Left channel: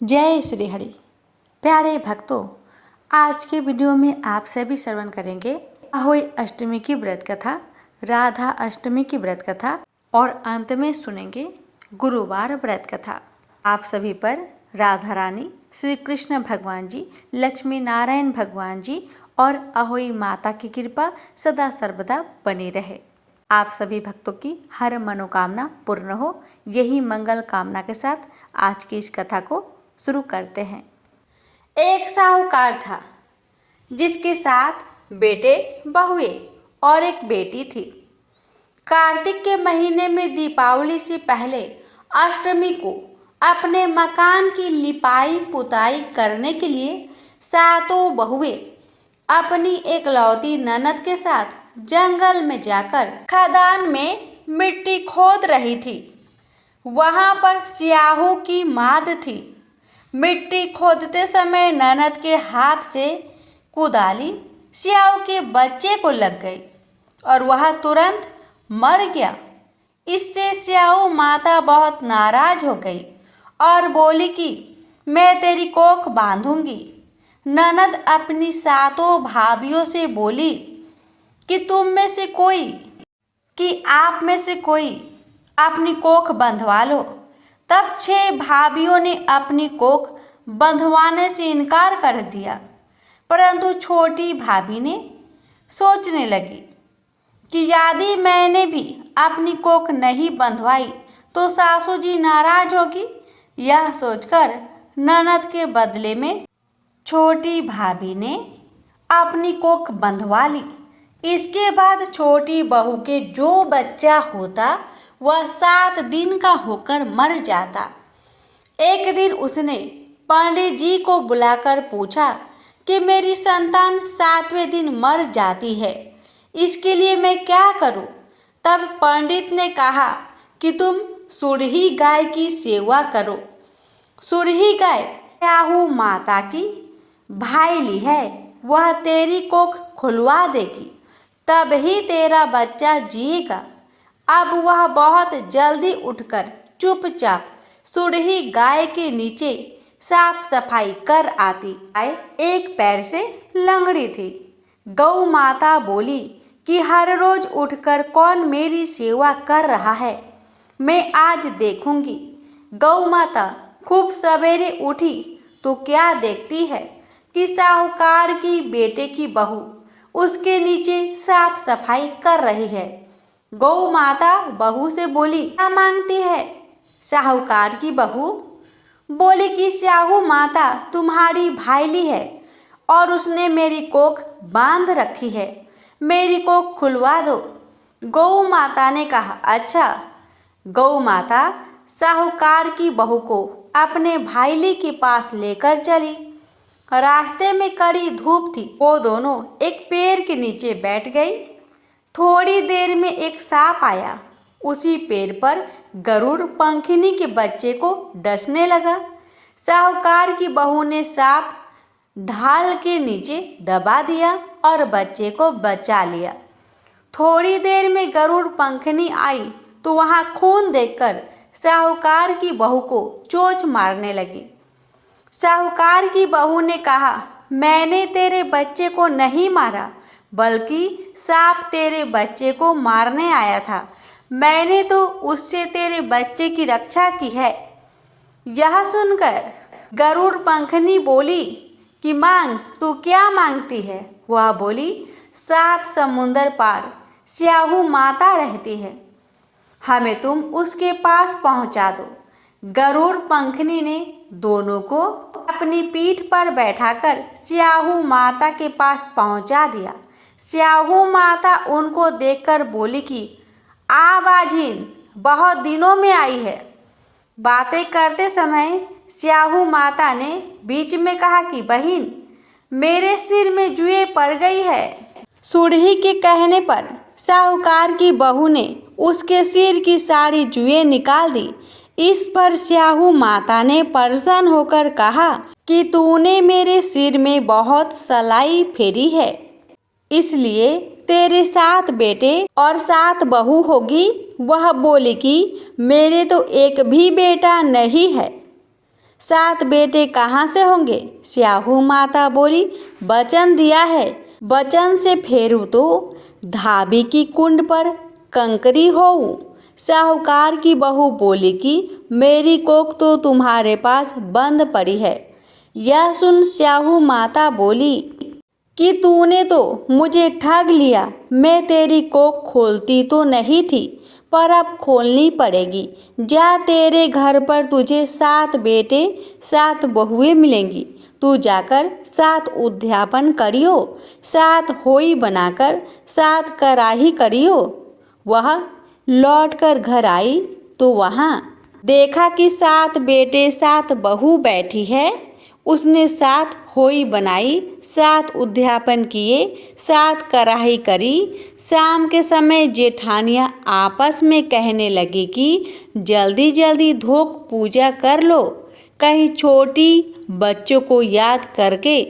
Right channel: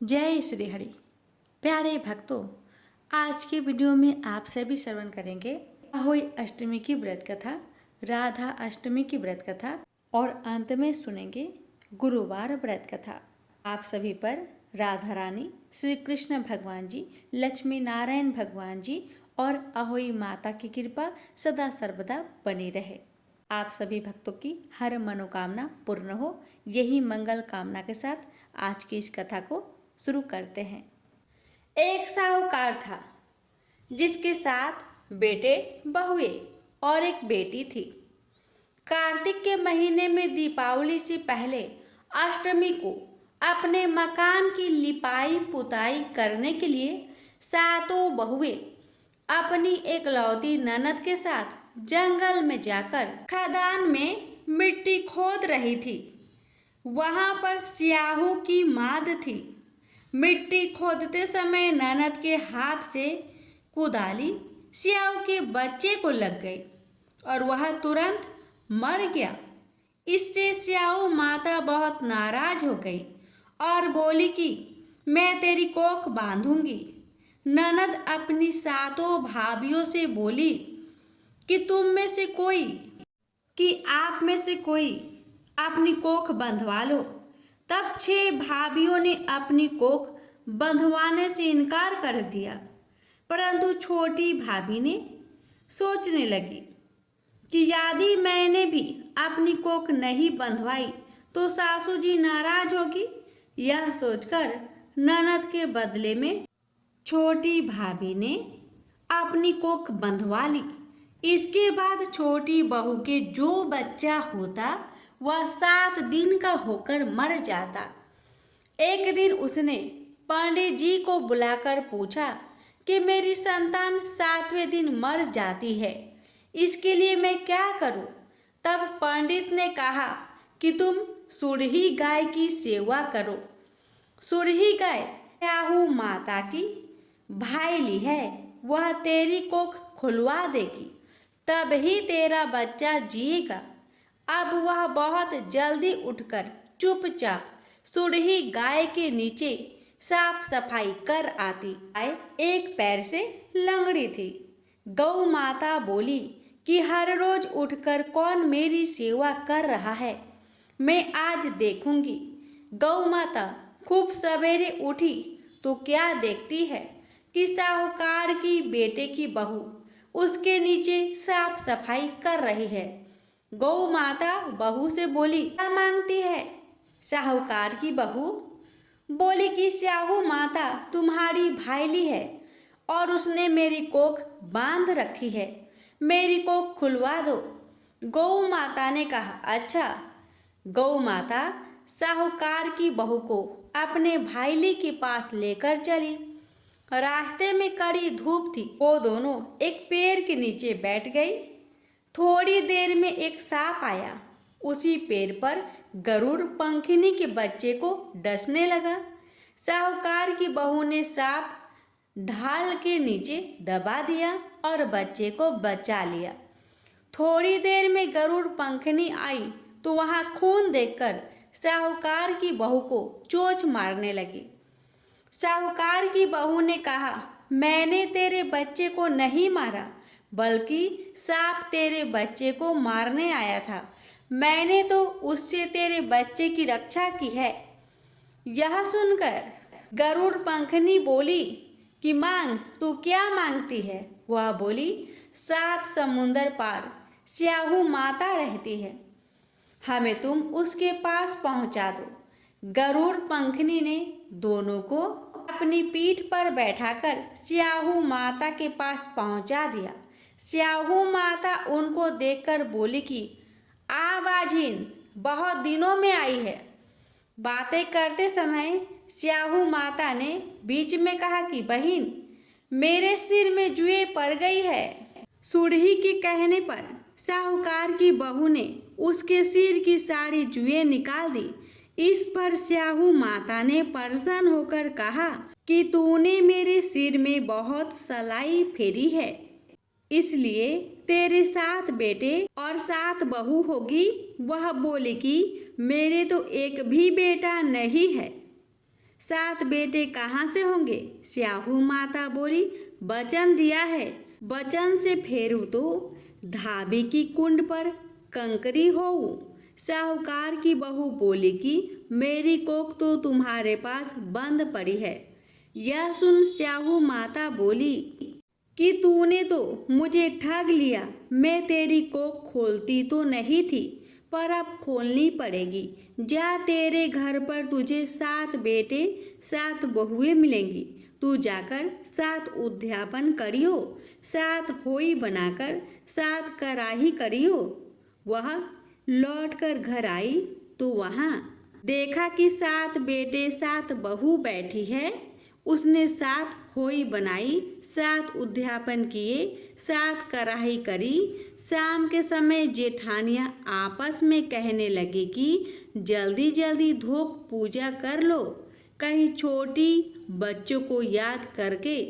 जय श्री हरि। प्यारे भक्तों, आज के वीडियो में आप सभी श्रवण करेंगे अहोई अष्टमी की व्रत कथा, राधा अष्टमी की व्रत कथा और अंत में सुनेंगे गुरुवार व्रत कथा। आप सभी पर राधा रानी, श्री कृष्ण भगवान जी, लक्ष्मी नारायण भगवान जी और अहोई माता की कृपा सदा सर्वदा बनी रहे। आप सभी भक्तों की हर मनोकामना पूर्ण हो, यही मंगल कामना के साथ आज की इस कथा को शुरू करते हैं। एक साहूकार था जिसके साथ बेटे, बहुए और एक बेटी थी। कार्तिक के महीने में दीपावली से पहले अष्टमी को अपने मकान की लिपाई पुताई करने के लिए सातों बहुए अपनी एकलौती ननद के साथ जंगल में जाकर खदान में मिट्टी खोद रही थी। वहां पर स्याहू की माद थी। मिट्टी खोदते समय ननद के हाथ से कुदाली स्याहू के बच्चे को लग गई और वह तुरंत मर गया। इससे स्याहू माता बहुत नाराज हो गई और बोली कि मैं तेरी कोख बांधूंगी। ननद अपनी सातों भाभियों से बोली कि आप में से कोई अपनी कोख बंधवा लो। तब 6 भाभियों ने अपनी कोख बंधवाने से इनकार कर दिया, परंतु छोटी भाभी ने सोचने लगी कि यदि मैंने भी अपनी कोख नहीं बंधवाई तो सासू जी नाराज होगी। यह सोचकर ननद के बदले में छोटी भाभी ने अपनी कोख बंधवा ली। इसके बाद छोटी बहू के जो बच्चा होता वह 7 दिन का होकर मर जाता। एक दिन उसने पंडित जी को बुलाकर पूछा कि मेरी संतान 7वें दिन मर जाती है, इसके लिए मैं क्या करूं? तब पंडित ने कहा कि तुम सुरही गाय की सेवा करो। सुरही गाय स्याहू माता की भाईली है, वह तेरी कोख खुलवा देगी, तब ही तेरा बच्चा जिएगा। अब वह बहुत जल्दी उठकर चुपचाप सुरही गाय के नीचे साफ सफाई कर आती। गाय एक पैर से लंगड़ी थी। गौ माता बोली कि हर रोज उठकर कौन मेरी सेवा कर रहा है, मैं आज देखूंगी। गौ माता खूब सवेरे उठी तो क्या देखती है कि साहूकार की बेटे की बहू उसके नीचे साफ सफाई कर रही है। गौ माता बहू से बोली, क्या मांगती है? साहूकार की बहू बोली कि स्याहू माता तुम्हारी भाईली है और उसने मेरी कोख बांध रखी है, मेरी कोख खुलवा दो। गौ माता ने कहा, अच्छा। गौ माता साहूकार की बहू को अपने भाईली के पास लेकर चली। रास्ते में कड़ी धूप थी। वो दोनों एक पेड़ के नीचे बैठ गई। थोड़ी देर में एक सांप आया। उसी पेड़ पर गरुड़ पंखिनी के बच्चे को डसने लगा। साहूकार की बहू ने सांप ढाल के नीचे दबा दिया और बच्चे को बचा लिया। थोड़ी देर में गरुड़ पंखिनी आई तो वहां खून देखकर साहूकार की बहू को चोंच मारने लगी। साहूकार की बहू ने कहा, मैंने तेरे बच्चे को नहीं मारा, बल्कि सांप तेरे बच्चे को मारने आया था। मैंने तो उससे तेरे बच्चे की रक्षा की है। यह सुनकर गरुड़ पंखनी बोली कि मांग, तू क्या मांगती है? वह बोली, 7 समुंदर पार स्याहू माता रहती है, हमें तुम उसके पास पहुंचा दो। गरुड़ पंखनी ने दोनों को अपनी पीठ पर बैठाकर स्याहू माता के पास पहुंचा दिया। स्याहू माता उनको देखकर बोली कि आ बाझिन, बहुत दिनों में आई है। बातें करते समय स्याहू माता ने बीच में कहा कि बहिन, मेरे सिर में जुएं पड़ गई है। सुरही के कहने पर साहूकार की बहू ने उसके सिर की सारी जुएं निकाल दी। इस पर स्याहू माता ने प्रसन्न होकर कहा कि तूने मेरे सिर में बहुत सलाई फेरी है, इसलिए तेरे 7 बेटे और 7 बहू होगी। वह बोली कि मेरे तो एक भी बेटा नहीं है। 7 बेटे कहाँ से होंगे? स्याहू माता बोली, वचन दिया है, वचन से फेरू तो धाबी की कुंड पर कंकरी होऊं। साहूकार की बहू बोली कि मेरी कोख तो तुम्हारे पास बंद पड़ी है। यह सुन स्याहू माता बोली कि तूने तो मुझे ठग लिया। मैं तेरी कोख खोलती तो नहीं थी, पर अब खोलनी पड़ेगी। जा, तेरे घर पर तुझे 7 बेटे 7 बहुएं मिलेंगी। तू जाकर 7 उद्यापन करियो, 7 होई बनाकर 7 कराही करियो। वह लौटकर घर आई तो वहाँ देखा कि 7 बेटे 7 बहू बैठी है। उसने 7 होई बनाई, 7 उद्यापन किए, 7 कराही करी। शाम के समय जेठानियाँ आपस में कहने लगी कि जल्दी जल्दी धोक पूजा कर लो। कहीं छोटी बच्चों को याद करके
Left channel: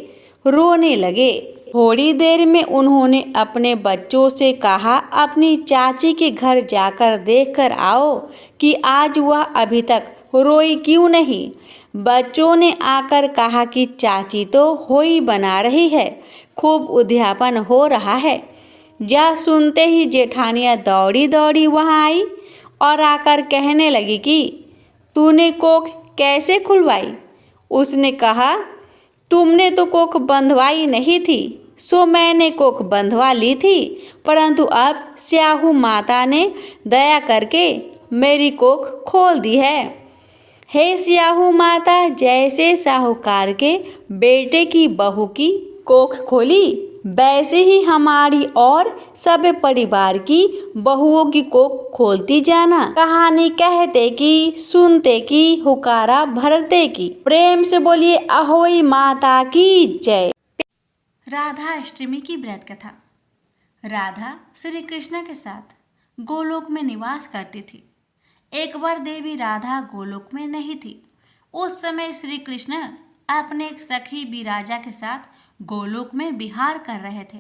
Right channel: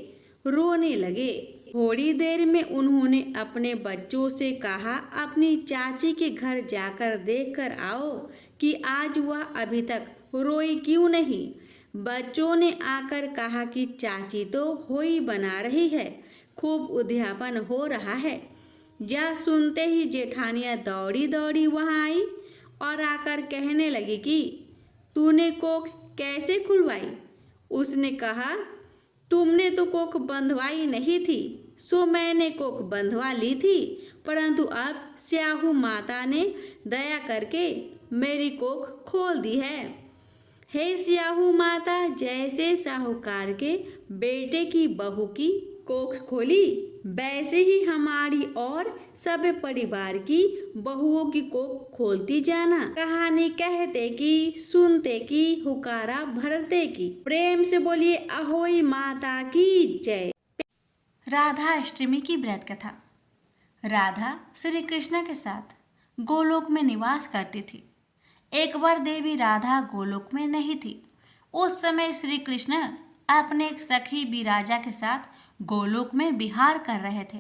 रोने लगे। थोड़ी देर में उन्होंने अपने बच्चों से कहा, अपनी चाची के घर जाकर देख कर आओ कि आज वह अभी तक रोई क्यों नहीं। बच्चों ने आकर कहा कि चाची तो होई बना रही है, खूब उद्यापन हो रहा है। यह सुनते ही जेठानियाँ दौड़ी दौड़ी वहाँ आई और आकर कहने लगी कि तूने कोख कैसे खुलवाई? उसने कहा, तुमने तो कोख बंधवाई नहीं थी, सो मैंने कोख बंधवा ली थी, परंतु अब स्याहू माता ने दया करके मेरी कोख खोल दी है। हे स्याहू माता, जैसे साहूकार के बेटे की बहू की कोख खोली, वैसे ही हमारी और सब परिवार की बहुओं की कोख खोलती जाना। कहानी कहते की, सुनते की, हुकारा भरते की। प्रेम से बोलिए अहोई माता की जय। राधा अष्टमी की व्रत कथा। राधा श्री कृष्ण के साथ गोलोक में निवास करती थी। एक बार देवी राधा गोलोक में नहीं थी। उस समय श्री कृष्ण अपने एक सखी विराजा के साथ गोलोक में विहार कर रहे थे।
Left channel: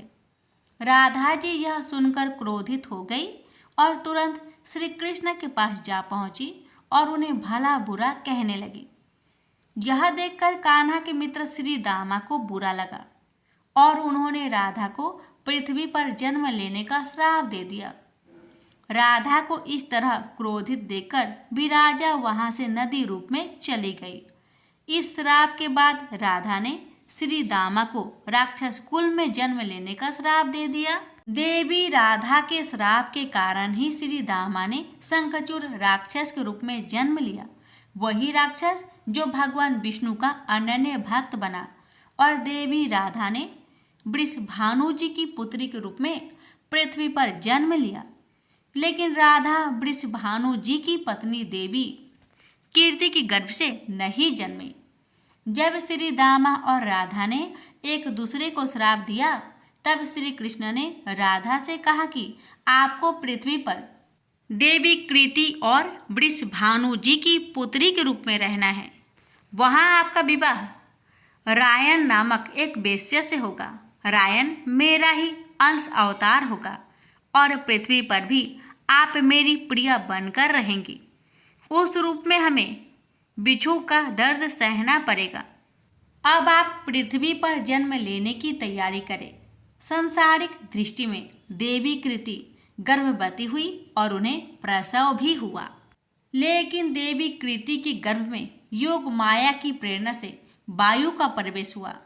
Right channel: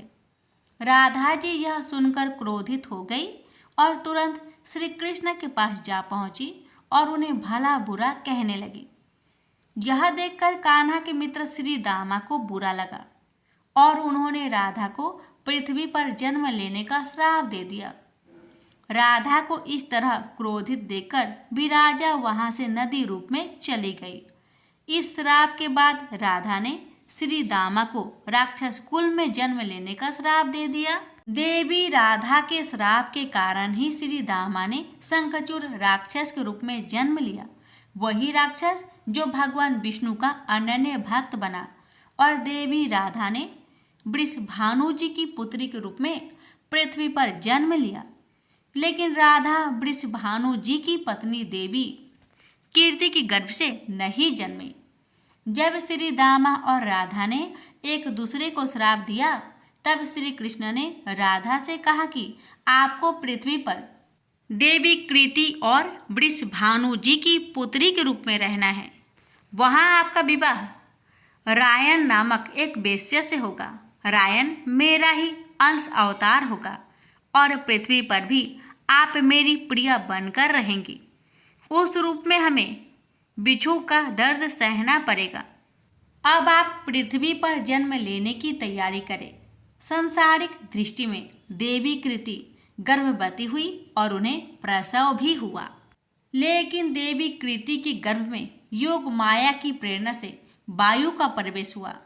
राधा जी यह सुनकर क्रोधित हो गई और तुरंत श्री कृष्ण के पास जा पहुंची और उन्हें भला बुरा कहने लगी। यह देखकर कान्हा के मित्र श्री दामा को बुरा लगा और उन्होंने राधा को पृथ्वी पर जन्म लेने का श्राप दे दिया। राधा को इस तरह क्रोधित देखकर विराजा वहां से नदी रूप में चली गई। इस श्राप के बाद राधा ने श्री दामा को राक्षस कुल में जन्म लेने का श्राप दे दिया। देवी राधा के श्राप के कारण ही श्री दामा ने शंखचूड़ राक्षस के रूप में जन्म लिया। वही राक्षस जो भगवान विष्णु का अनन्य भक्त बना और देवी राधा ने वृषभानु जी की पुत्री के रूप में पृथ्वी पर जन्म लिया। लेकिन राधा वृषभानु जी की पत्नी देवी कीर्ति के गर्भ से नहीं जन्मी। जब श्री दामा और राधा ने एक दूसरे को श्राप दिया, तब श्री कृष्ण ने राधा से कहा कि आपको पृथ्वी पर देवी कृति और वृषभानु जी की पुत्री के रूप में रहना है। वहाँ आपका विवाह रायन नामक एक वेश्या से होगा। रायन मेरा ही अंश अवतार होगा और पृथ्वी पर भी आप मेरी प्रिया बनकर रहेंगी। उस रूप में हमें बिच्छू का दर्द सहना पड़ेगा। अब आप पृथ्वी पर जन्म लेने की तैयारी करें। सांसारिक दृष्टि में देवी कृति गर्भवती हुई और उन्हें प्रसव भी हुआ। लेकिन देवी कृति के गर्भ में योग माया की प्रेरणा से वायु का प्रवेश हुआ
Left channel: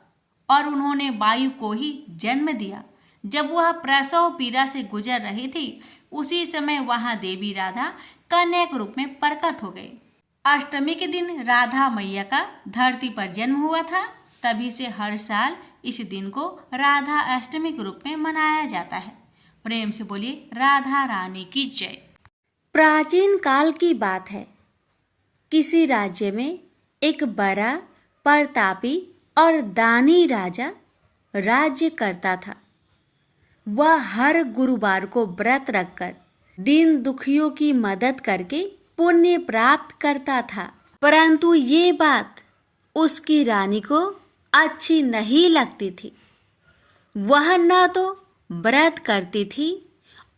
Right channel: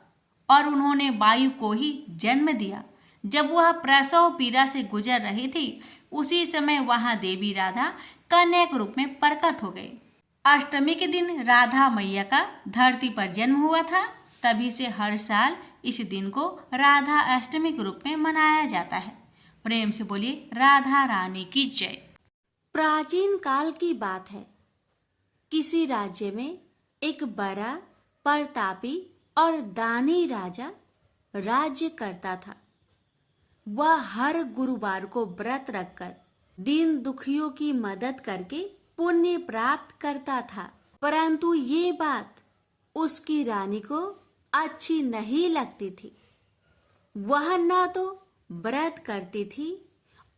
और उन्होंने वायु को ही जन्म दिया। जब वह प्रसव पीड़ा से गुजर रही थी, उसी समय वहां देवी राधा कन्या के रूप में प्रकट हो गई। अष्टमी के दिन राधा मैया का धरती पर जन्म हुआ था। तभी से हर साल इस दिन को राधा अष्टमी के रूप में मनाया जाता है। प्रेम से बोलिए राधा रानी की जय। प्राचीन काल की बात है। किसी राज्य में एक बड़ा प्रतापी और दानी राजा राज्य करता था। वह हर गुरुवार को व्रत रखकर दीन दुखियों की मदद करके पुण्य प्राप्त करता था। परंतु ये बात उसकी रानी को अच्छी नहीं लगती थी। वह न तो व्रत करती थी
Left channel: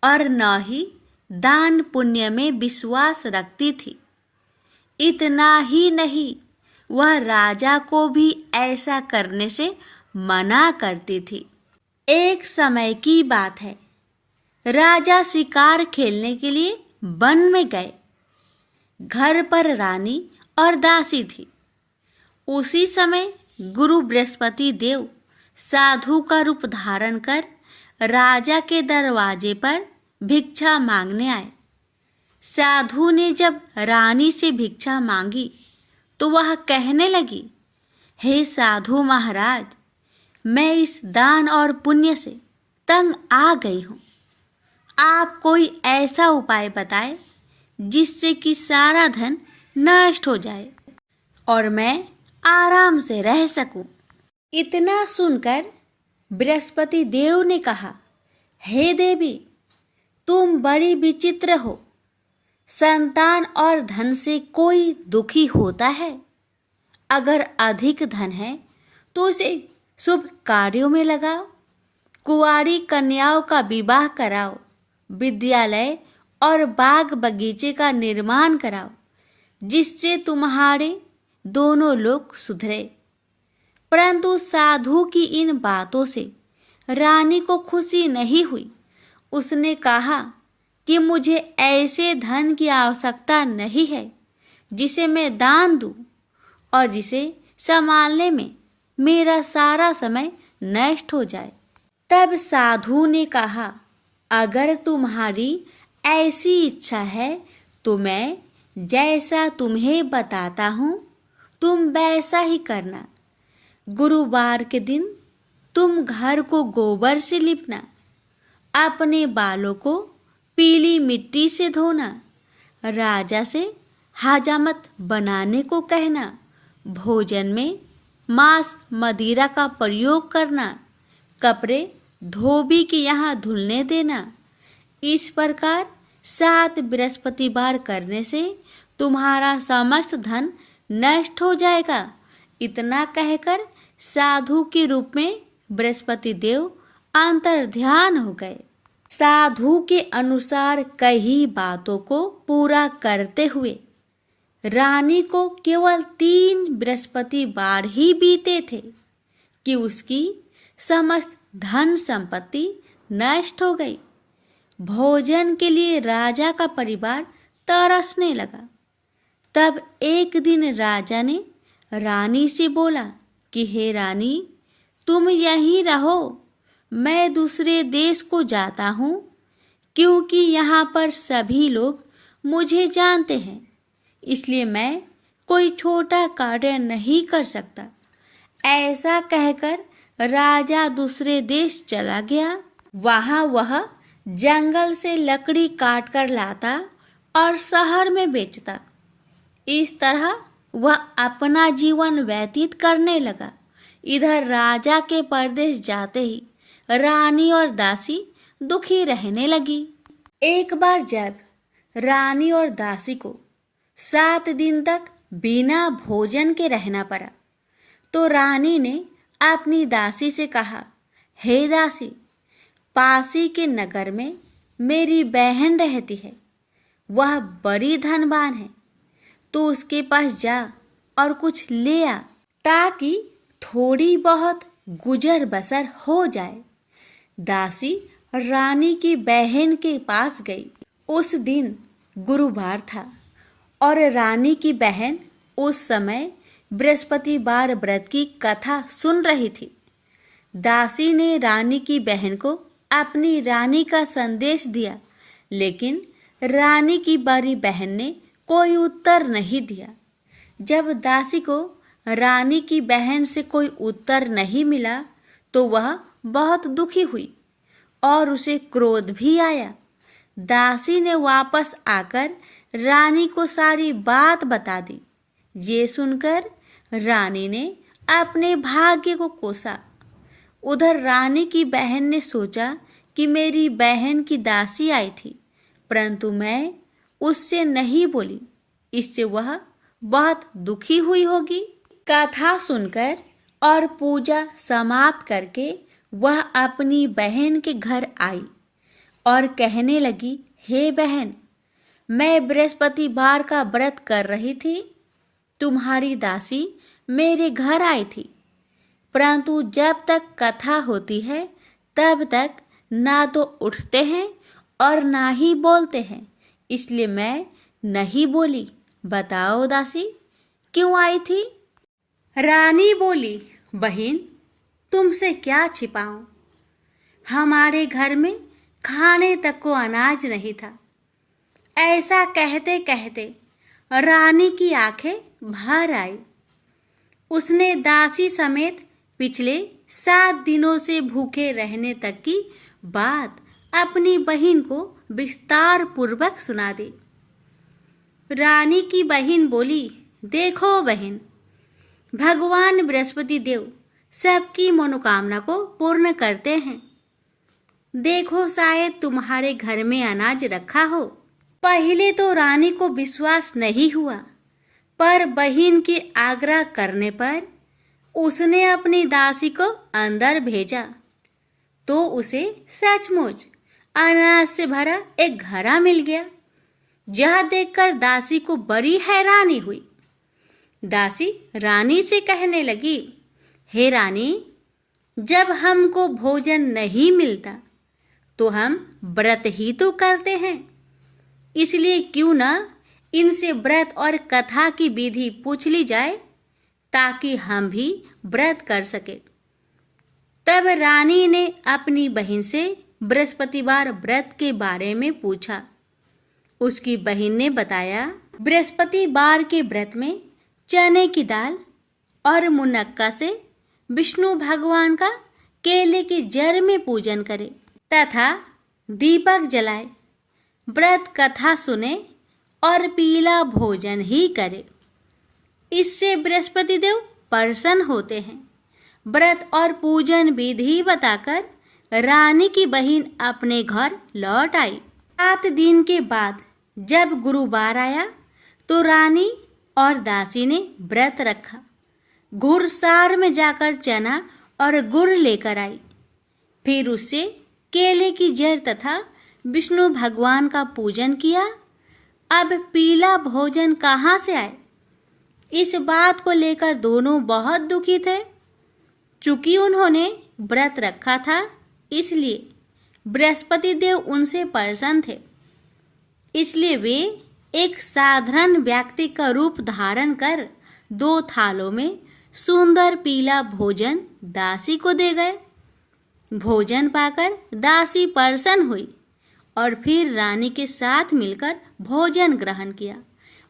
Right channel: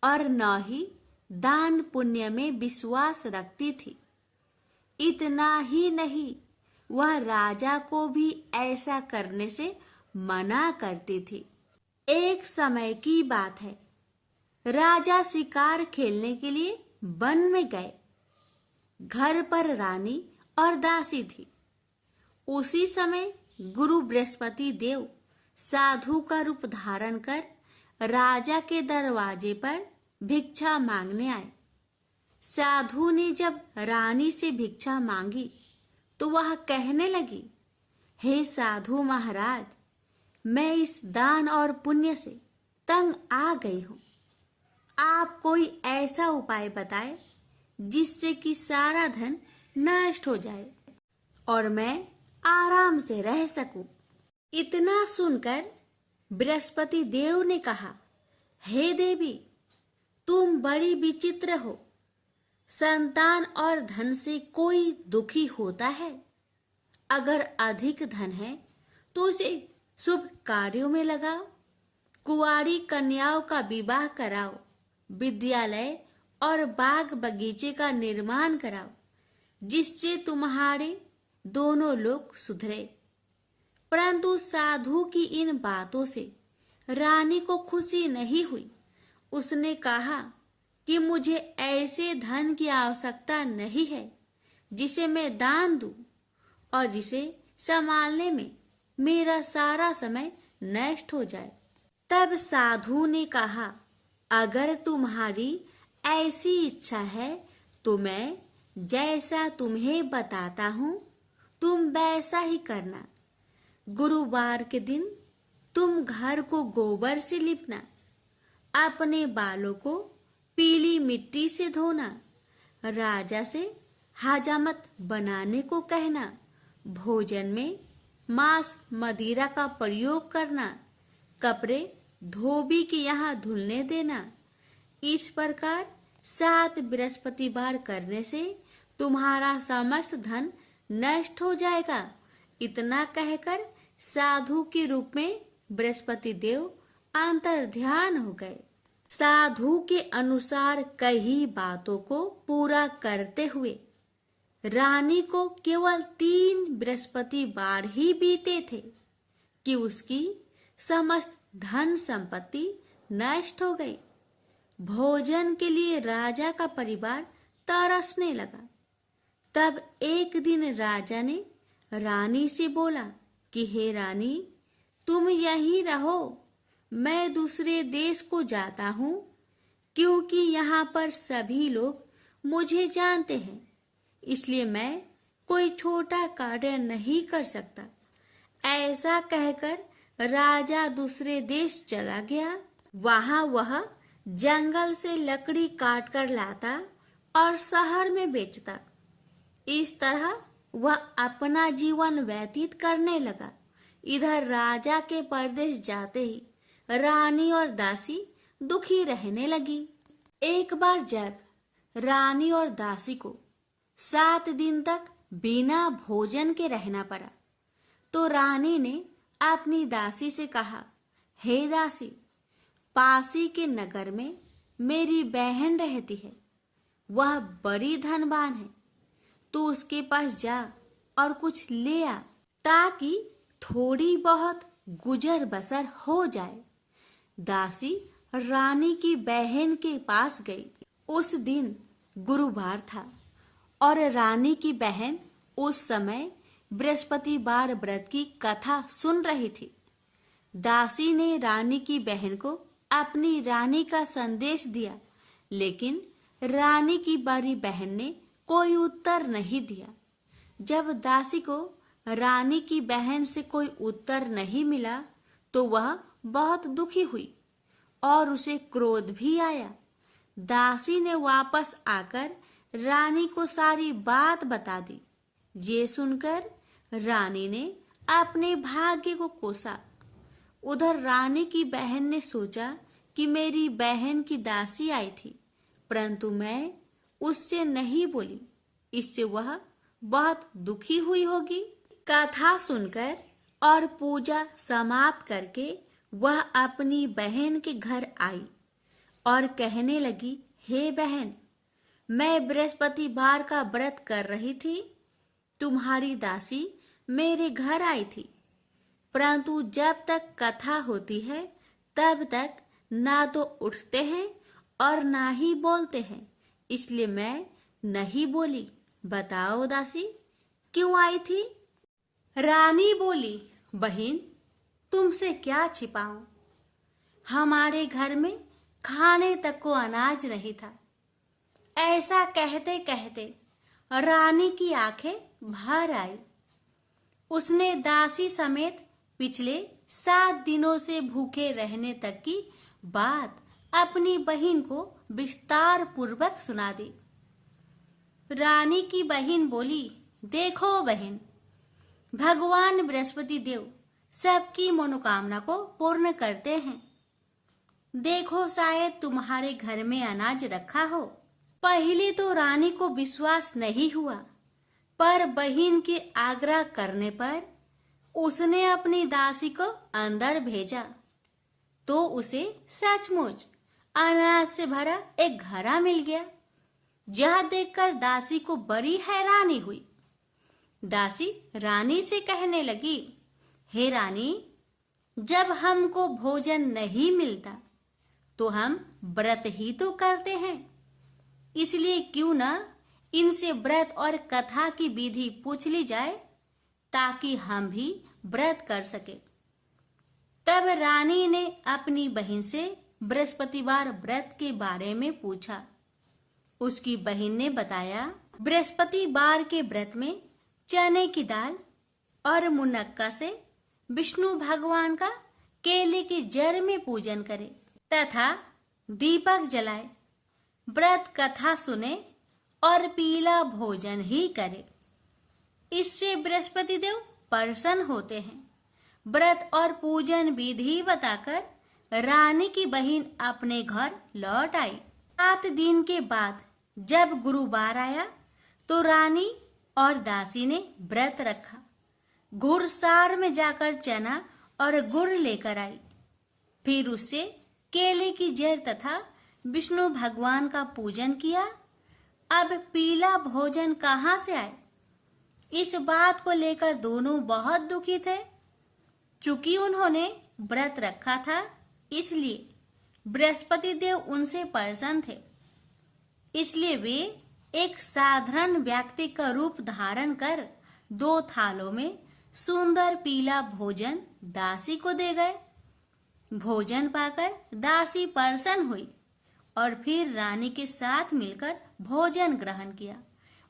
और न ही दान पुण्य में विश्वास रखती थी। इतना ही नहीं, वह राजा को भी ऐसा करने से मना करती थी। एक समय की बात है, राजा शिकार खेलने के लिए वन में गए। घर पर रानी और दासी थी। उसी समय गुरु बृहस्पति देव साधु का रूप धारण कर राजा के दरवाजे पर भिक्षा मांगने आए। साधु ने जब रानी से भिक्षा मांगी तो वह कहने लगी, हे साधु महाराज, मैं इस दान और पुण्य से तंग आ गई हूँ। आप कोई ऐसा उपाय बताएं जिससे कि सारा धन नष्ट हो जाए और मैं आराम से रह सकूं। इतना सुनकर बृहस्पति देव ने कहा, हे देवी, तुम बड़ी विचित्र हो। संतान और धन से कोई दुखी होता है? अगर अधिक धन है तो उसे शुभ कार्यों में लगाओ, कुंवारी कन्याओं का विवाह कराओ, विद्यालय और बाग बगीचे का निर्माण कराओ, जिससे तुम्हारे दोनों लोग सुधरे। परंतु साधु की इन बातों से रानी को खुशी नहीं हुई। उसने कहा कि मुझे ऐसे धन की आवश्यकता नहीं है जिसे मैं दान दूं और जिसे संभालने में मेरा सारा समय नष्ट हो जाए। तब साधु ने कहा, अगर तुम्हारी ऐसी इच्छा है तो मैं जैसा तुम्हें बताता हूँ तुम वैसा ही करना। गुरुवार के दिन तुम घर को गोबर से लिपना, अपने बालों को पीली मिट्टी से धोना, राजा से हजामत बनाने को कहना, भोजन में मांस मदिरा का प्रयोग करना, कपड़े धोबी के यहाँ धुलने देना। इस प्रकार 7 बृहस्पतिवार करने से तुम्हारा समस्त धन नष्ट हो जाएगा। इतना कहकर साधु के रूप में बृहस्पति देव अंतर्ध्यान हो गए। साधु के अनुसार कई बातों को पूरा करते हुए रानी को केवल 3 बृहस्पतिवार ही बीते थे कि उसकी समस्त धन संपत्ति नष्ट हो गई। भोजन के लिए राजा का परिवार तरसने लगा। तब एक दिन राजा ने रानी से बोला कि हे रानी, तुम यहीं रहो, मैं दूसरे देश को जाता हूँ, क्योंकि यहाँ पर सभी लोग मुझे जानते हैं, इसलिए मैं कोई छोटा कार्य नहीं कर सकता। ऐसा कहकर राजा दूसरे देश चला गया। वहाँ वह जंगल से लकड़ी काट कर लाता और शहर में बेचता। इस तरह वह अपना जीवन व्यतीत करने लगा। इधर राजा के परदेश जाते ही रानी और दासी दुखी रहने लगी। एक बार जब रानी और दासी को 7 दिन तक बिना भोजन के रहना पड़ा तो रानी ने अपनी दासी से कहा, हे दासी, पासी के नगर में मेरी बहन रहती है, वह बड़ी धनवान है, तो उसके पास जा और कुछ ले आ ताकि थोड़ी बहुत गुजर बसर हो जाए। दासी रानी की बहन के पास गई। उस दिन गुरुवार था और रानी की बहन उस समय बृहस्पतिवार व्रत की कथा सुन रही थी। दासी ने रानी की बहन को अपनी रानी का संदेश दिया, लेकिन रानी की बड़ी बहन ने कोई उत्तर नहीं दिया। जब दासी को रानी की बहन से कोई उत्तर नहीं मिला तो वह बहुत दुखी हुई और उसे क्रोध भी आया। दासी ने वापस आकर रानी को सारी बात बता दी। ये सुनकर रानी ने अपने भाग्य को कोसा। उधर रानी की बहन ने सोचा कि मेरी बहन की दासी आई थी, परंतु मैं उससे नहीं बोली, इससे वह बहुत दुखी हुई होगी। कथा सुनकर और पूजा समाप्त करके वह अपनी बहन के घर आई और कहने लगी, हे बहन, मैं बृहस्पतिवार का व्रत कर रही थी। तुम्हारी दासी मेरे घर आई थी, परंतु जब तक कथा होती है तब तक ना तो उठते हैं और ना ही बोलते हैं, इसलिए मैं नहीं बोली। बताओ दासी, क्यों आई थी? रानी बोली, बहन, तुमसे क्या छिपाऊं? हमारे घर में खाने तक को अनाज नहीं था। ऐसा कहते कहते रानी की आंखें भर आई। उसने दासी समेत पिछले 7 दिनों से भूखे रहने तक की बात अपनी बहन को विस्तार पूर्वक सुना दी। रानी की बहन बोली, देखो बहन, भगवान बृहस्पति देव सबकी मनोकामना को पूर्ण करते हैं। देखो, शायद तुम्हारे घर में अनाज रखा हो। पहले तो रानी को विश्वास नहीं हुआ, पर बहन के आग्रह करने पर उसने अपनी दासी को अंदर भेजा तो उसे सचमुच अनाज से भरा एक घड़ा मिल गया। यह देखकर दासी को बड़ी हैरानी हुई। दासी रानी से कहने लगी, हे रानी, जब हमको भोजन नहीं मिलता तो हम व्रत ही तो करते हैं, इसलिए क्यों न इनसे व्रत और कथा की विधि पूछ ली जाए ताकि हम भी व्रत कर सके। तब रानी ने अपनी बहन से बृहस्पतिवार व्रत के बारे में पूछा। उसकी बहन ने बताया, बृहस्पतिवार के व्रत में चने की दाल और मुनक्का से विष्णु भगवान का केले के जड़ में पूजन करे तथा दीपक जलाए, व्रत कथा सुने और पीला भोजन ही करे। इससे बृहस्पति देव प्रसन्न होते हैं। व्रत और पूजन विधि बताकर रानी की बहन अपने घर लौट आई। 7 दिन के बाद जब गुरुवार आया तो रानी और दासी ने व्रत रखा। घुड़सार में जाकर चना और गुड़ लेकर आई। फिर उससे केले की जड़ तथा विष्णु भगवान का पूजन किया। अब पीला भोजन कहाँ से आए? इस बात को लेकर दोनों बहुत दुखी थे। चूंकि उन्होंने व्रत रखा था, इसलिए बृहस्पति देव उनसे प्रसन्न थे। इसलिए वे एक साधारण व्यक्ति का रूप धारण कर 2 थालों में सुंदर पीला भोजन दासी को दे गए। भोजन पाकर दासी प्रसन्न हुई और फिर रानी के साथ मिलकर भोजन ग्रहण किया।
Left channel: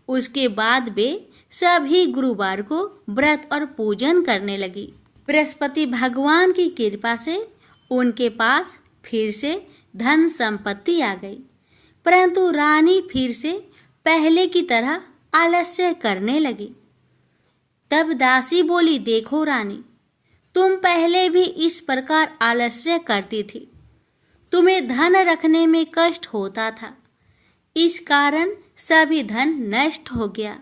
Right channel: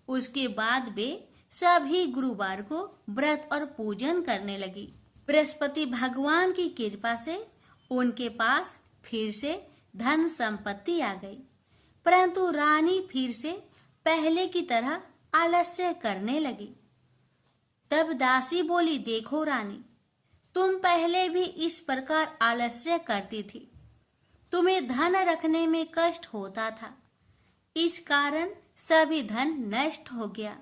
उसके बाद वे सभी गुरुवार को व्रत और पूजन करने लगी। बृहस्पति भगवान की कृपा से उनके पास फिर से धन संपत्ति आ गई, परंतु रानी फिर से पहले की तरह आलस्य करने लगी। तब दासी बोली, देखो रानी, तुम पहले भी इस प्रकार आलस्य करती थी। तुम्हें धन रखने में कष्ट होता था, इस कारण सभी धन नष्ट हो गया,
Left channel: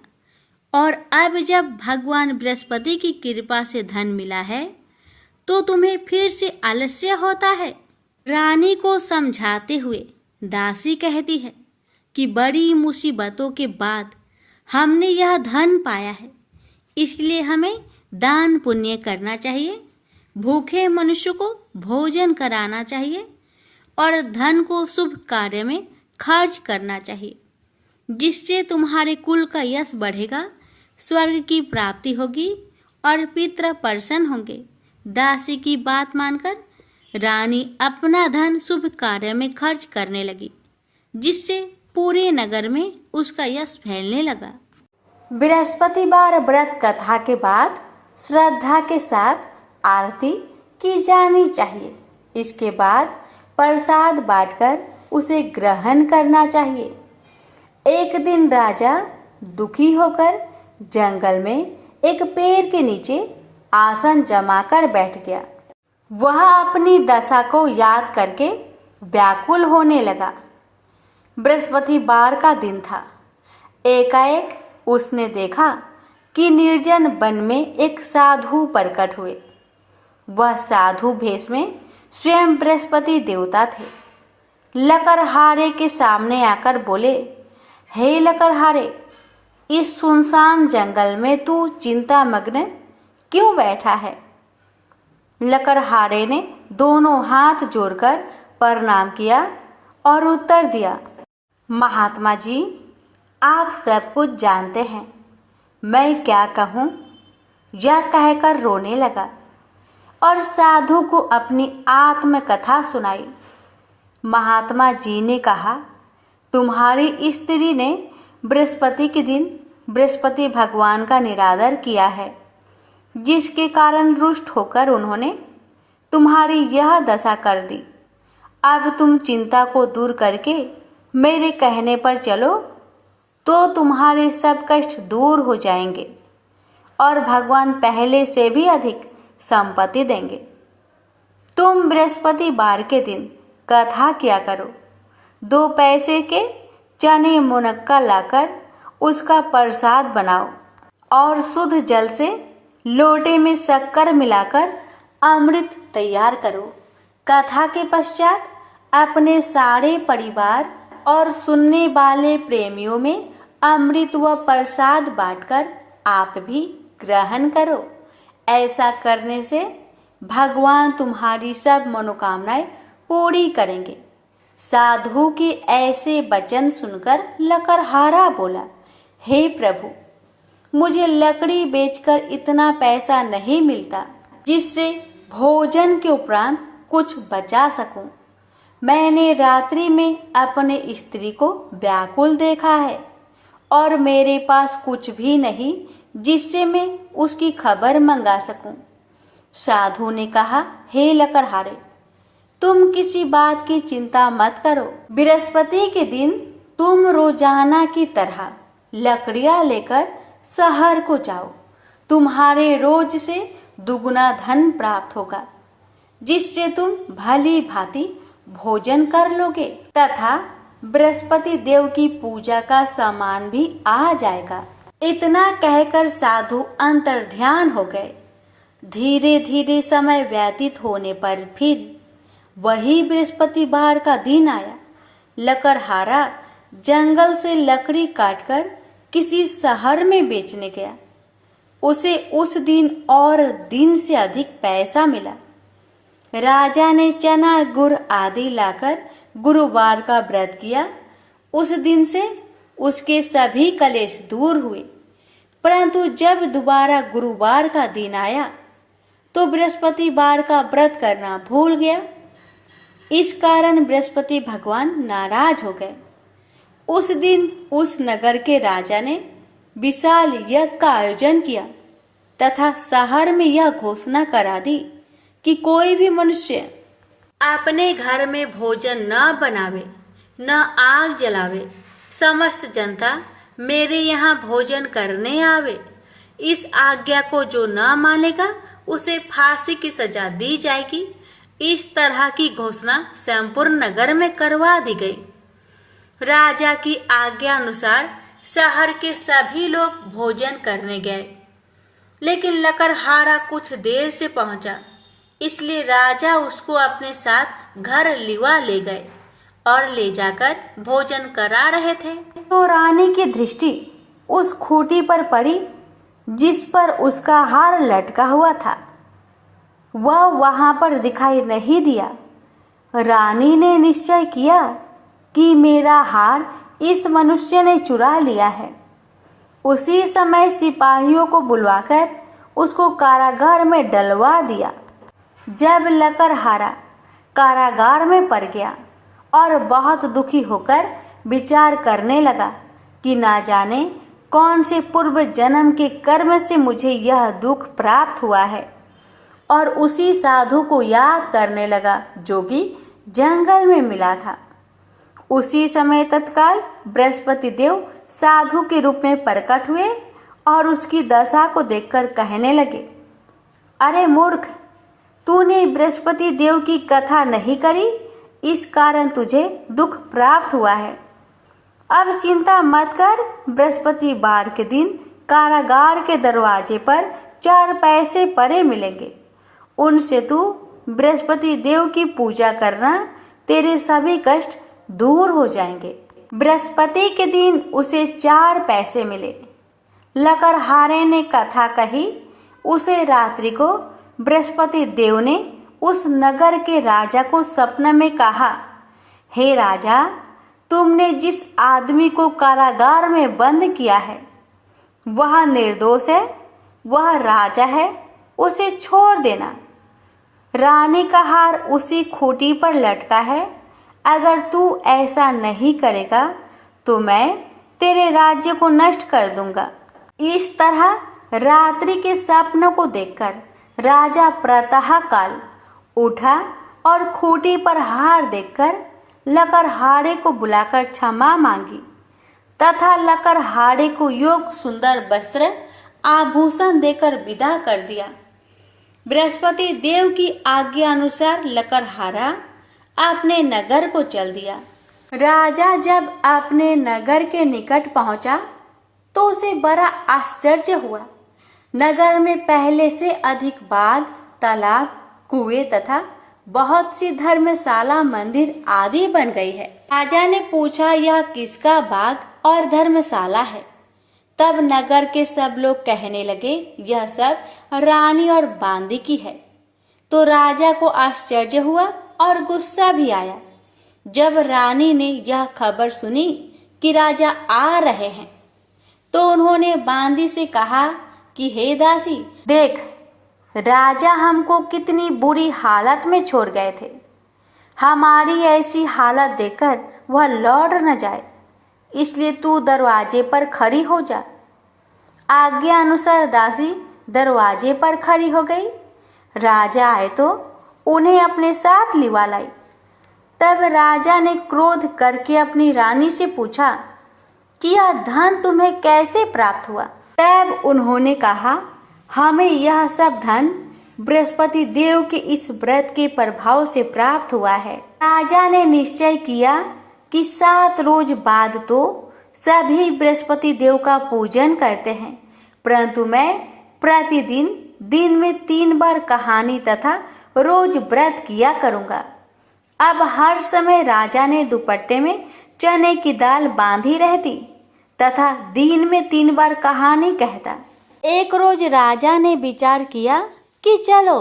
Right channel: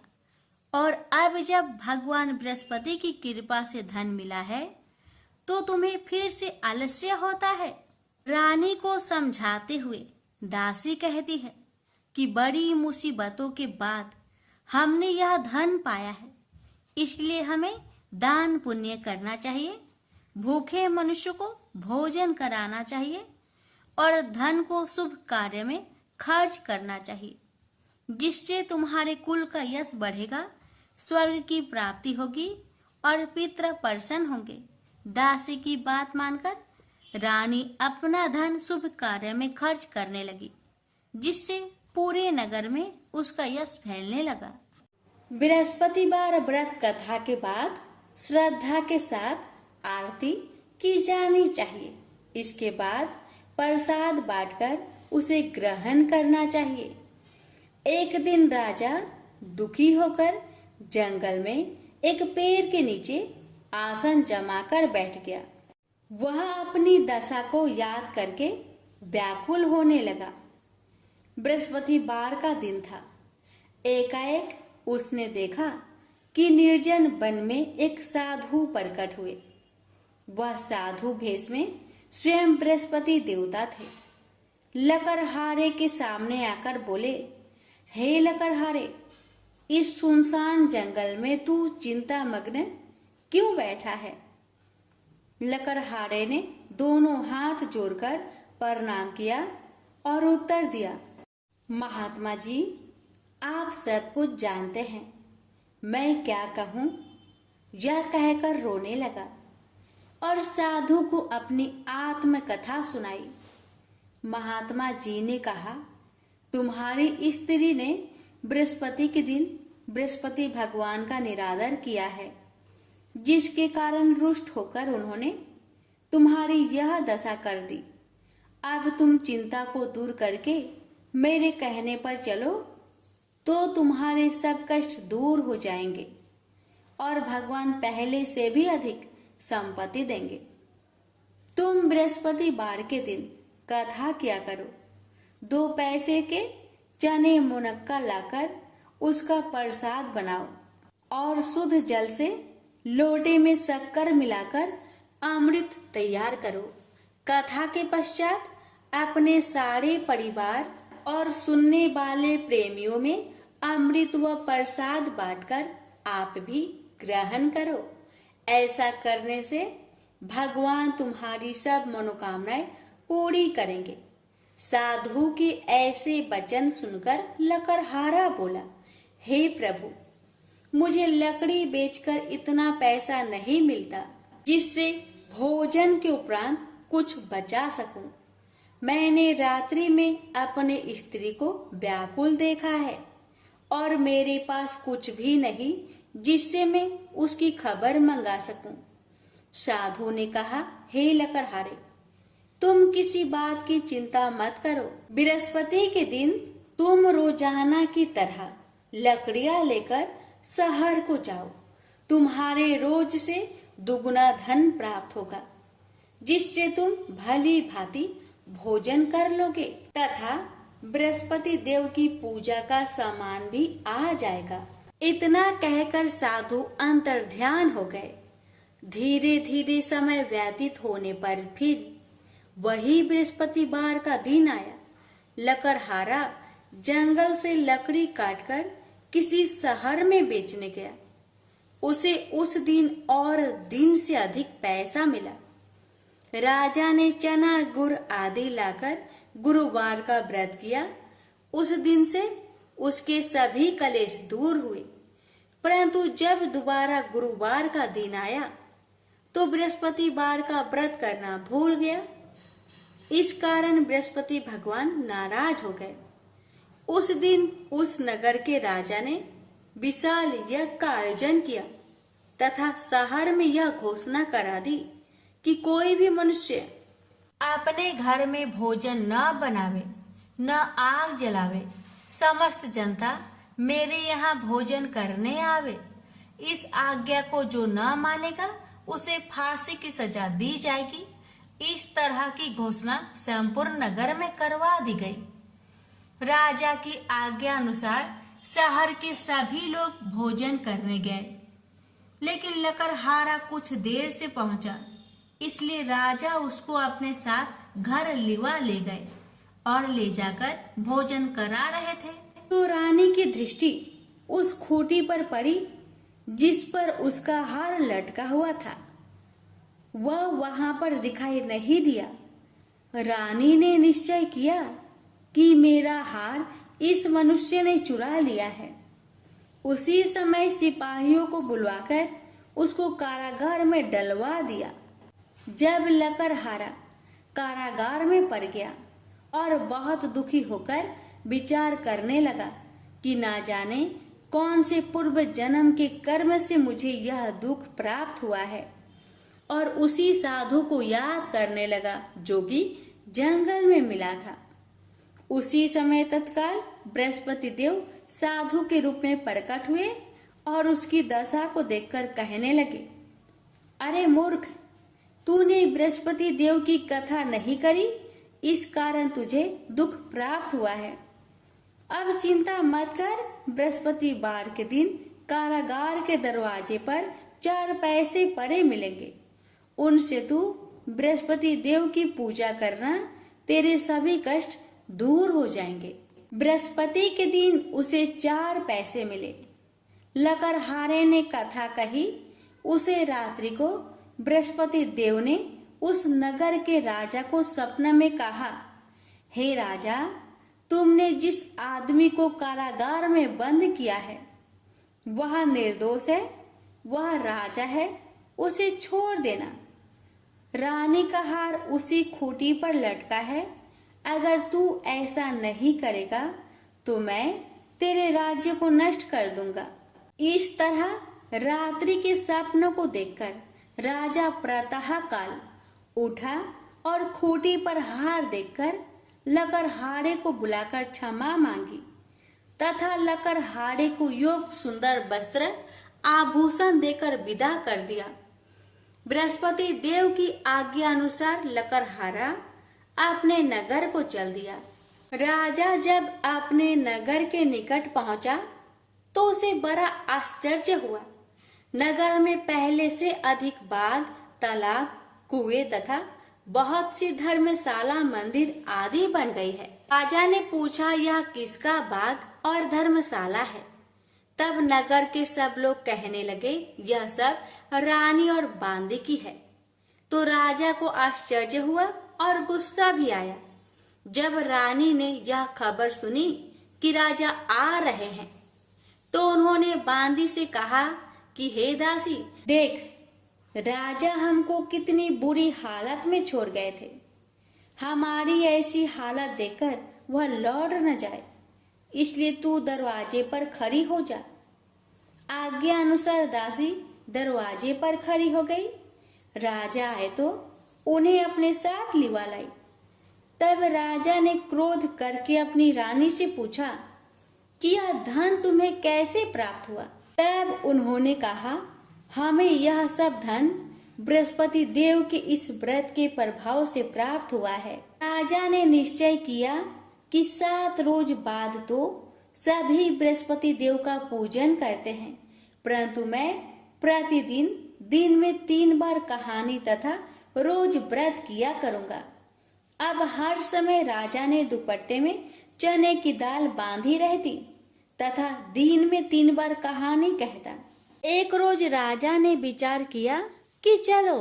और अब जब भगवान बृहस्पति की कृपा से धन मिला है तो तुम्हें फिर से आलस्य होता है। रानी को समझाते हुए दासी कहती है कि बड़ी मुसीबतों के बाद हमने यह धन पाया है, इसलिए हमें दान पुण्य करना चाहिए, भूखे मनुष्य को भोजन कराना चाहिए और धन को शुभ कार्य में खर्च करना चाहिए, जिससे तुम्हारे कुल का यश बढ़ेगा, स्वर्ग की प्राप्ति होगी और पितृ प्रसन्न होंगे। दासी की बात मानकर रानी अपना धन शुभ कार्य में खर्च करने लगी, जिससे पूरे नगर में उसका यश फैलने लगा। बृहस्पतिवार व्रत कथा के बाद श्रद्धा के साथ आरती की जानी चाहिए। इसके बाद प्रसाद बांटकर उसे ग्रहण करना चाहिए। एक दिन राजा दुखी होकर जंगल में एक पेड़ के नीचे आसन जमाकर बैठ गया। वह अपनी दशा को याद करके व्याकुल होने लगा। बृहस्पतिवार का दिन था। एकाएक उसने देखा कि निर्जन वन में एक साधु प्रकट हुए। वह साधु भेष में स्वयं बृहस्पति देवता थे। लकड़हारे के सामने आकर बोले, हे लकड़हारे, इस सुनसान जंगल में तू चिंता मग्न क्यों बैठा है? लकड़हारे ने दोनों हाथ जोड़कर प्रणाम किया और उत्तर दिया, महात्मा जी, आप सब कुछ जानते हैं, मैं क्या कहूँ? यह कहकर रोने लगा और साधु को अपनी आत्मकथा सुनाई। महात्मा जी ने कहा, तुम्हारी स्त्री ने बृहस्पति के दिन बृहस्पति भगवान का निरादर किया है, जिसके कारण रुष्ट होकर उन्होंने तुम्हारी यह दशा कर दी। अब तुम चिंता को दूर करके मेरे कहने पर चलो तो तुम्हारे सब कष्ट दूर हो जाएंगे और भगवान पहले से भी अधिक संपत्ति देंगे। तुम बृहस्पतिवार के दिन कथा किया करो। 2 पैसे के चने मुनक्का लाकर उसका प्रसाद बनाओ और शुद्ध जल से लोटे में शक्कर मिलाकर अमृत तैयार करो। कथा के पश्चात अपने सारे परिवार और सुनने वाले प्रेमियों में अमृत व प्रसाद बांटकर आप भी ग्रहण करो। ऐसा करने से भगवान तुम्हारी सब मनोकामनाएं पूरी करेंगे। साधु के ऐसे वचन सुनकर लकड़हारा बोला, हे प्रभु, मुझे लकड़ी बेचकर इतना पैसा नहीं मिलता जिससे भोजन के उपरांत कुछ बचा सकूं। मैंने रात्रि में अपने स्त्री को व्याकुल देखा है और मेरे पास कुछ भी नहीं जिससे मैं उसकी खबर मंगा सकूं। साधु ने कहा, हे लकड़हारे, तुम किसी बात की चिंता मत करो। बृहस्पति के दिन तुम रोजाना की तरह लकड़ियां लेकर शहर को जाओ। तुम्हारे रोज से दुगुना धन प्राप्त होगा, जिससे तुम भली भांति भोजन कर लोगे तथा बृहस्पति देव की पूजा का सामान भी आ जाएगा। इतना कहकर साधु अंतर्ध्यान हो गए। धीरे धीरे समय व्यतीत होने पर फिर वही बृहस्पतिवार का दिन आया। लकड़हारा जंगल से लकड़ी काटकर किसी शहर में बेचने गया। उसे उस दिन और दिन से अधिक पैसा मिला। राजा ने चना गुड़ आदि लाकर गुरुवार का व्रत किया। उस दिन से उसके सभी कलेश दूर हुए। परंतु जब दोबारा गुरुवार का दिन आया तो बृहस्पतिवार का व्रत करना भूल गया। इस कारण बृहस्पति भगवान नाराज हो गए। उस दिन उस नगर के राजा ने विशाल यज्ञ का आयोजन किया तथा शहर में यह घोषणा करा दी कि कोई भी मनुष्य अपने घर में भोजन न बनावे, न आग जलावे। समस्त जनता मेरे यहाँ भोजन करने आवे। इस आज्ञा को जो न मानेगा उसे फांसी की सजा दी जाएगी। इस तरह की घोषणा संपूर्ण नगर में करवा दी गई। राजा की आज्ञा अनुसार शहर के सभी लोग भोजन करने गए, लेकिन लकड़हारा कुछ देर से पहुंचा, इसलिए राजा उसको अपने साथ घर लिवा ले गए और ले जाकर भोजन करा रहे थे तो रानी की दृष्टि उस खूंटी पर पड़ी जिस पर उसका हार लटका हुआ था। वह वहां पर दिखाई नहीं दिया। रानी ने निश्चय किया कि मेरा हार इस मनुष्य ने चुरा लिया है। उसी समय सिपाहियों को बुलवाकर उसको कारागार में डलवा दिया। जब लकड़हारा कारागार में पड़ गया और बहुत दुखी होकर विचार करने लगा कि ना जाने कौन से पूर्व जन्म के कर्म से मुझे यह दुख प्राप्त हुआ है, और उसी साधु को याद करने लगा जो कि जंगल में मिला था। उसी समय तत्काल बृहस्पति देव साधु के रूप में प्रकट हुए और उसकी दशा को देखकर कहने लगे, अरे मूर्ख, तूने बृहस्पति देव की कथा नहीं करी, इस कारण तुझे दुख प्राप्त हुआ है। अब चिंता मत कर। बृहस्पतिवार के दिन कारागार के दरवाजे पर 4 पैसे पड़े मिलेंगे। उनसे तू बृहस्पति देव की पूजा करना, तेरे सभी कष्ट दूर हो जाएंगे। बृहस्पति के दिन उसे 4 पैसे मिले। लकड़हारे ने कथा कही। उसे रात्रि को बृहस्पति देव ने उस नगर के राजा को सपने में कहा, हे राजा, तुमने जिस आदमी को कारागार में बंद किया है वह निर्दोष है, वह राजा है, उसे छोड़ देना। रानी का हार उसी खूंटी पर लटका है, अगर तू ऐसा नहीं करेगा तो मैं तेरे राज्य को नष्ट कर दूंगा। इस तरह रात्रि के सपनों को देखकर राजा प्रातः काल उठा और खूंटी पर हार देखकर लकड़हारे को बुलाकर क्षमा मांगी तथा लकड़हारे को योग्य सुंदर वस्त्र आभूषण देकर विदा कर दिया। बृहस्पति देव की आज्ञा अनुसार लकड़हारा अपने नगर को चल दिया। राजा जब अपने नगर के निकट पहुंचा तो उसे बड़ा आश्चर्य हुआ। नगर में पहले से अधिक बाग, तालाब, कुएं तथा बहुत सी धर्मशाला, मंदिर आदि बन गई है। राजा ने पूछा, यह किसका बाग और धर्मशाला है? तब नगर के सब लोग कहने लगे, यह सब रानी और बांदी की है। तो राजा को आश्चर्य हुआ और गुस्सा भी आया। जब रानी ने यह खबर सुनी कि राजा आ रहे हैं तो उन्होंने बांदी से कहा कि हे दासी, देख, राजा हमको कितनी बुरी हालत में छोड़ गए थे। हमारी ऐसी हालत देखकर वह लौट न जाए, इसलिए तू दरवाजे पर खड़ी हो जा। आज्ञा अनुसार दासी दरवाजे पर खड़ी हो गई। राजा आए तो उन्हें अपने साथ लिवा लाई। तब राजा ने क्रोध करके अपनी रानी से पूछा कि यह धन तुम्हें कैसे प्राप्त हुआ? तब उन्होंने कहा, हमें यह सब धन बृहस्पति देव के इस व्रत के प्रभाव से प्राप्त हुआ है। राजा ने निश्चय किया कि 7 रोज बाद तो सभी बृहस्पति देव का पूजन करते हैं, परंतु मैं प्रतिदिन दिन में 3 बार कहानी तथा रोज व्रत किया करूंगा। अब हर समय राजा ने दुपट्टे में चने की दाल बांधी रहती तथा दिन में 3 बार कहानी कहता। एक रोज राजा ने विचार किया कि चलो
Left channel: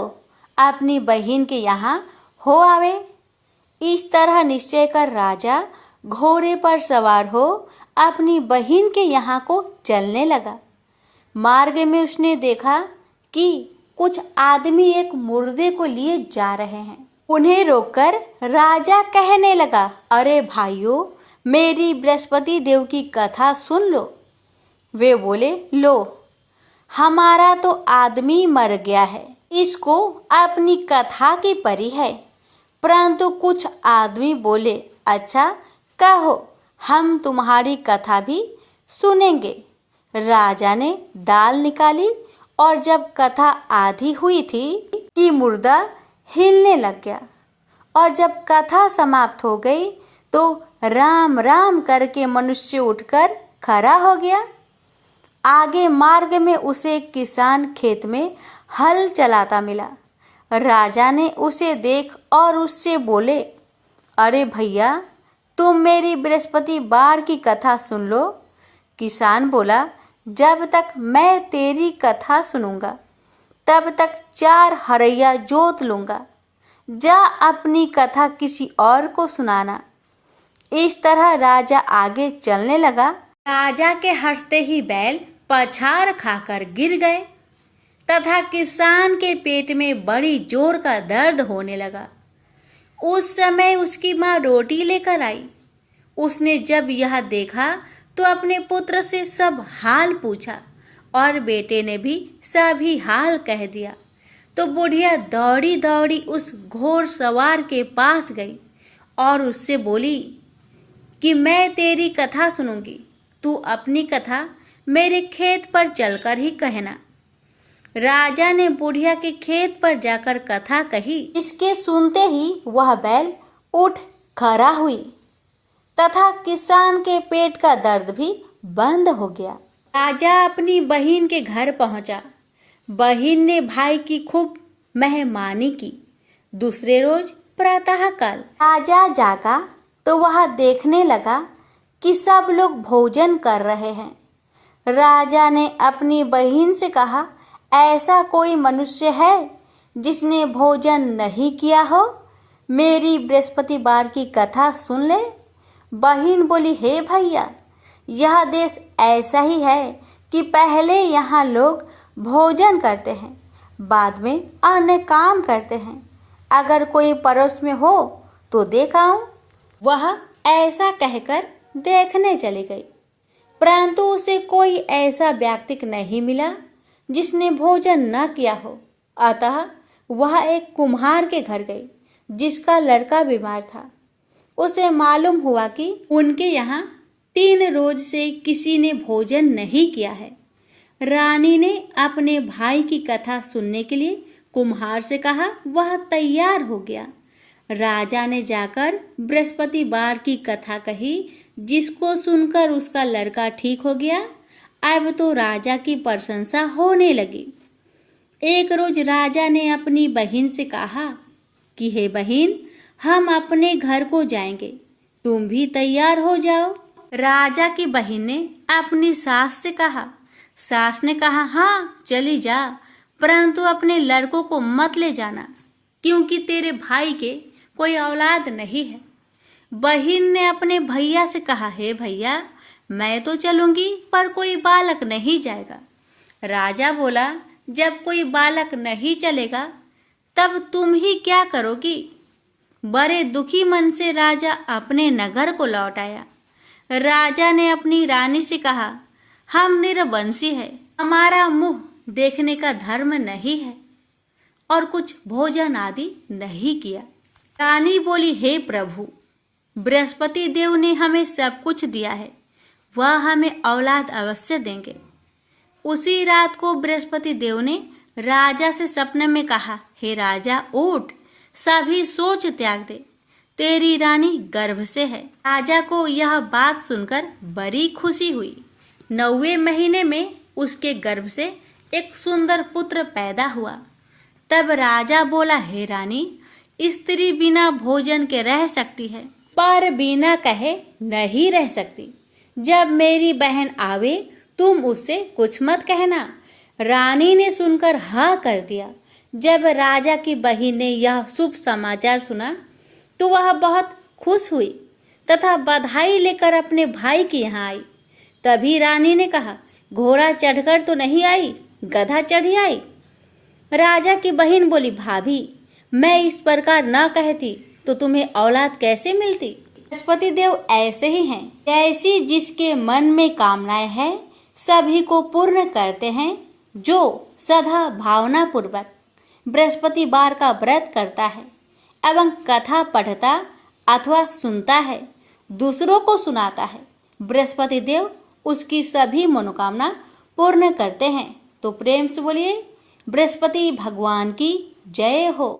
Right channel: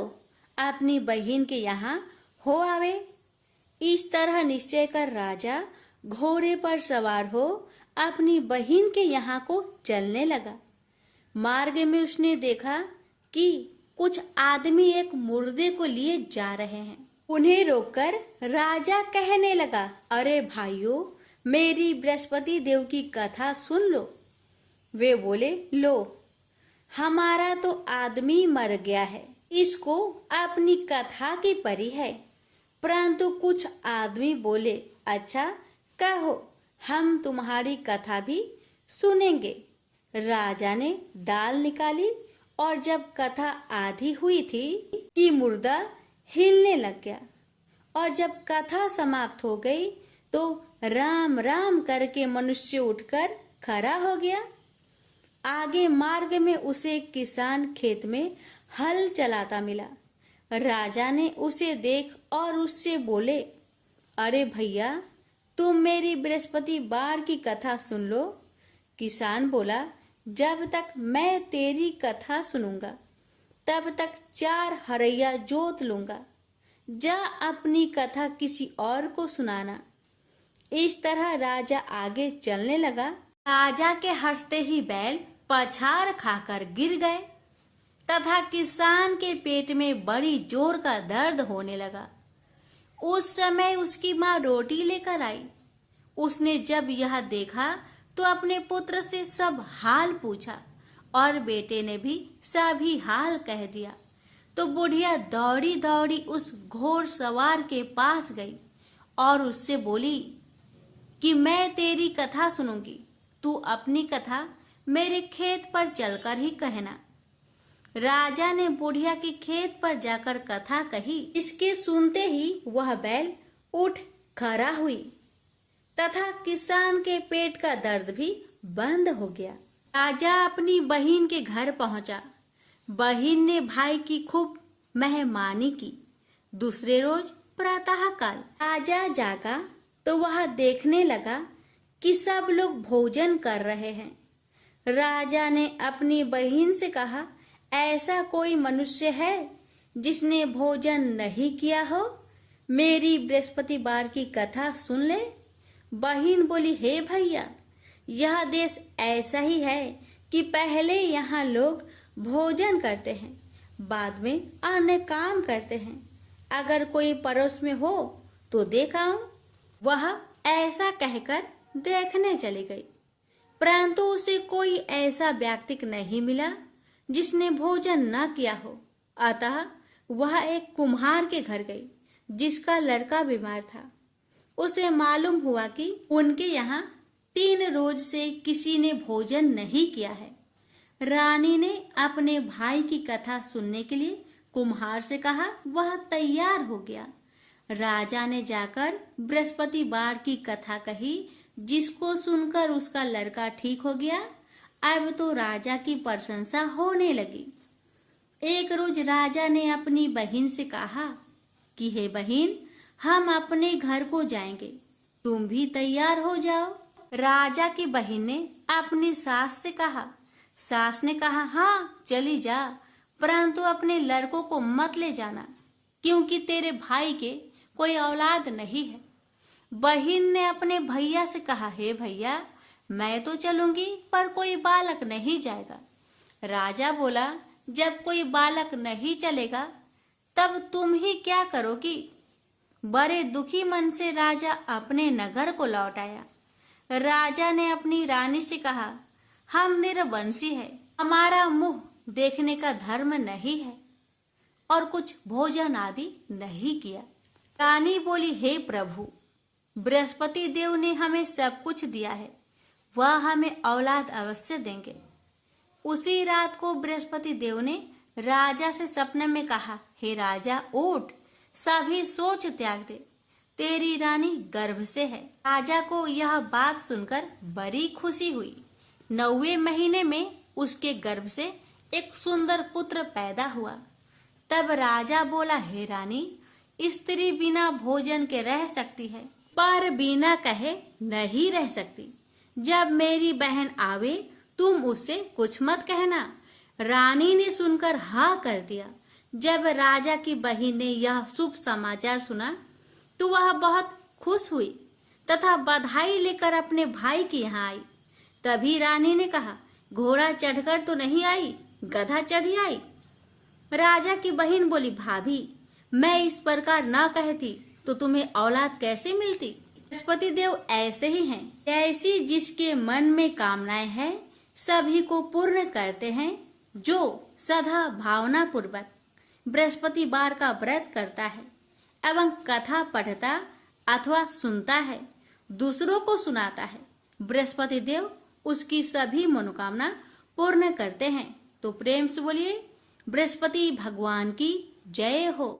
अपनी बहन के यहाँ हो आवे। इस तरह निश्चय कर राजा घोड़े पर सवार हो अपनी बहन के यहाँ को चलने लगा। मार्ग में उसने देखा कि कुछ आदमी एक मुर्दे को लिए जा रहे हैं। उन्हें रोककर राजा कहने लगा, अरे भाइयों, मेरी बृहस्पति देव की कथा सुन लो। वे बोले, लो, हमारा तो आदमी मर गया है, इसको अपनी कथा की परी है। परंतु कुछ आदमी बोले, अच्छा कहो, हम तुम्हारी कथा भी सुनेंगे। राजा ने दाल निकाली और जब कथा आधी हुई थी कि मुर्दा हिलने लग गया और जब कथा समाप्त हो गई तो राम राम करके मनुष्य उठकर खड़ा हो गया। आगे मार्ग में उसे एक किसान खेत में हल चलाता मिला। राजा ने उसे देख और उससे बोले, अरे भैया, तुम मेरी बृहस्पति बार की कथा सुन लो। किसान बोला, जब तक मैं तेरी कथा सुनूंगा तब तक 4 हरैया जोत लूंगा। जा अपनी कथा किसी और को सुनाना। इस तरह राजा आगे चलने लगा। राजा के हंसते ही बैल पछाड़ खाकर गिर गए तथा किसान के पेट में बड़ी जोर का दर्द होने लगा। उस समय उसकी माँ रोटी लेकर आई। उसने जब यह देखा तो अपने पुत्र से सब हाल पूछा और बेटे ने भी सभी हाल कह दिया। तो बुढ़िया दौड़ी दौड़ी उस घोड़ सवार के पास गई और उससे बोली कि मैं तेरी कथा सुनूंगी, तू अपनी कथा मेरे खेत पर चलकर ही कहना। राजा ने बुढ़िया के खेत पर जाकर कथा कही। इसके सुनते ही वह बैल उठ खड़ा हुई तथा किसान के पेट का दर्द भी बंद हो गया। राजा अपनी बहन के घर पहुंचा। बहन ने भाई की खूब मेहमानी की। दूसरे रोज प्रातःकाल राजा जागा तो वह देखने लगा कि सब लोग भोजन कर रहे हैं। राजा ने अपनी बहन से कहा, ऐसा कोई मनुष्य है जिसने भोजन नहीं किया हो? मेरी बृहस्पतिवार की कथा सुन ले। बहन बोली, हे भैया, यह देश ऐसा ही है कि पहले यहाँ लोग भोजन करते हैं, बाद में अन्य काम करते हैं। अगर कोई पड़ोस में हो तो देख आऊं। वह ऐसा कहकर देखने चली गई, परंतु उसे कोई ऐसा व्यक्ति नहीं मिला जिसने भोजन न किया हो। अतः वह एक कुम्हार के घर गई जिसका लड़का बीमार था। उसे मालूम हुआ कि उनके यहाँ 3 रोज से किसी ने भोजन नहीं किया है। रानी ने अपने भाई की कथा सुनने के लिए कुम्हार से कहा। वह तैयार हो गया। राजा ने जाकर बृहस्पतिवार की कथा कही, जिसको सुनकर उसका लड़का ठीक हो गया। अब तो राजा की प्रशंसा होने लगी। एक रोज राजा ने अपनी बहन से कहा कि हे बहन, हम अपने घर को जाएंगे, तुम भी तैयार हो जाओ। राजा की बहन ने अपनी सास से कहा। सास ने कहा, हाँ चली जा, परंतु अपने लड़कों को मत ले जाना, क्योंकि तेरे भाई के कोई औलाद नहीं है। बहन ने अपने भैया से कहा, हे भैया, मैं तो चलूंगी पर कोई बालक नहीं जाएगा। राजा बोला, जब कोई बालक नहीं चलेगा तब तुम ही क्या करोगी? बड़े दुखी मन से राजा अपने नगर को लौट आया। राजा ने अपनी रानी से कहा, हम निरवंशी है, हमारा मुंह देखने का धर्म नहीं है और कुछ भोजन आदि नहीं किया। रानी बोली, हे प्रभु, बृहस्पति देव ने हमें सब कुछ दिया है, वह हमें औलाद अवश्य देंगे। उसी रात को बृहस्पति देव ने राजा से सपने में कहा, हे राजा, उठ, सभी सोच त्याग दे, तेरी रानी गर्भ से है। राजा को यह बात सुनकर बड़ी खुशी हुई। 9वें महीने में उसके गर्भ से एक सुंदर पुत्र पैदा हुआ। तब राजा बोला, हे रानी, स्त्री बिना भोजन के रह सकती है, पर बिना कहे नहीं रह सकती। जब मेरी बहन आवे तुम उससे कुछ मत कहना। रानी ने सुनकर हाँ कर दिया। जब राजा की बहन ने यह शुभ समाचार सुना तो वह बहुत खुश हुई तथा बधाई लेकर अपने भाई के यहाँ आई। तभी रानी ने कहा, घोड़ा चढ़कर तो नहीं आई, गधा चढ़ी आई। राजा की बहन बोली, भाभी, मैं इस प्रकार न कहती तो तुम्हें औलाद कैसे मिलती? बृहस्पति देव ऐसे ही हैं, ऐसी जिसके मन में कामनाएं हैं सभी को पूर्ण करते हैं। जो सदा भावना पूर्वक बृहस्पतिवार का व्रत करता है एवं कथा पढ़ता अथवा सुनता है, दूसरों को सुनाता है, बृहस्पति देव उसकी सभी मनोकामना पूर्ण करते हैं। तो प्रेम से बोलिए, बृहस्पति भगवान की जय हो।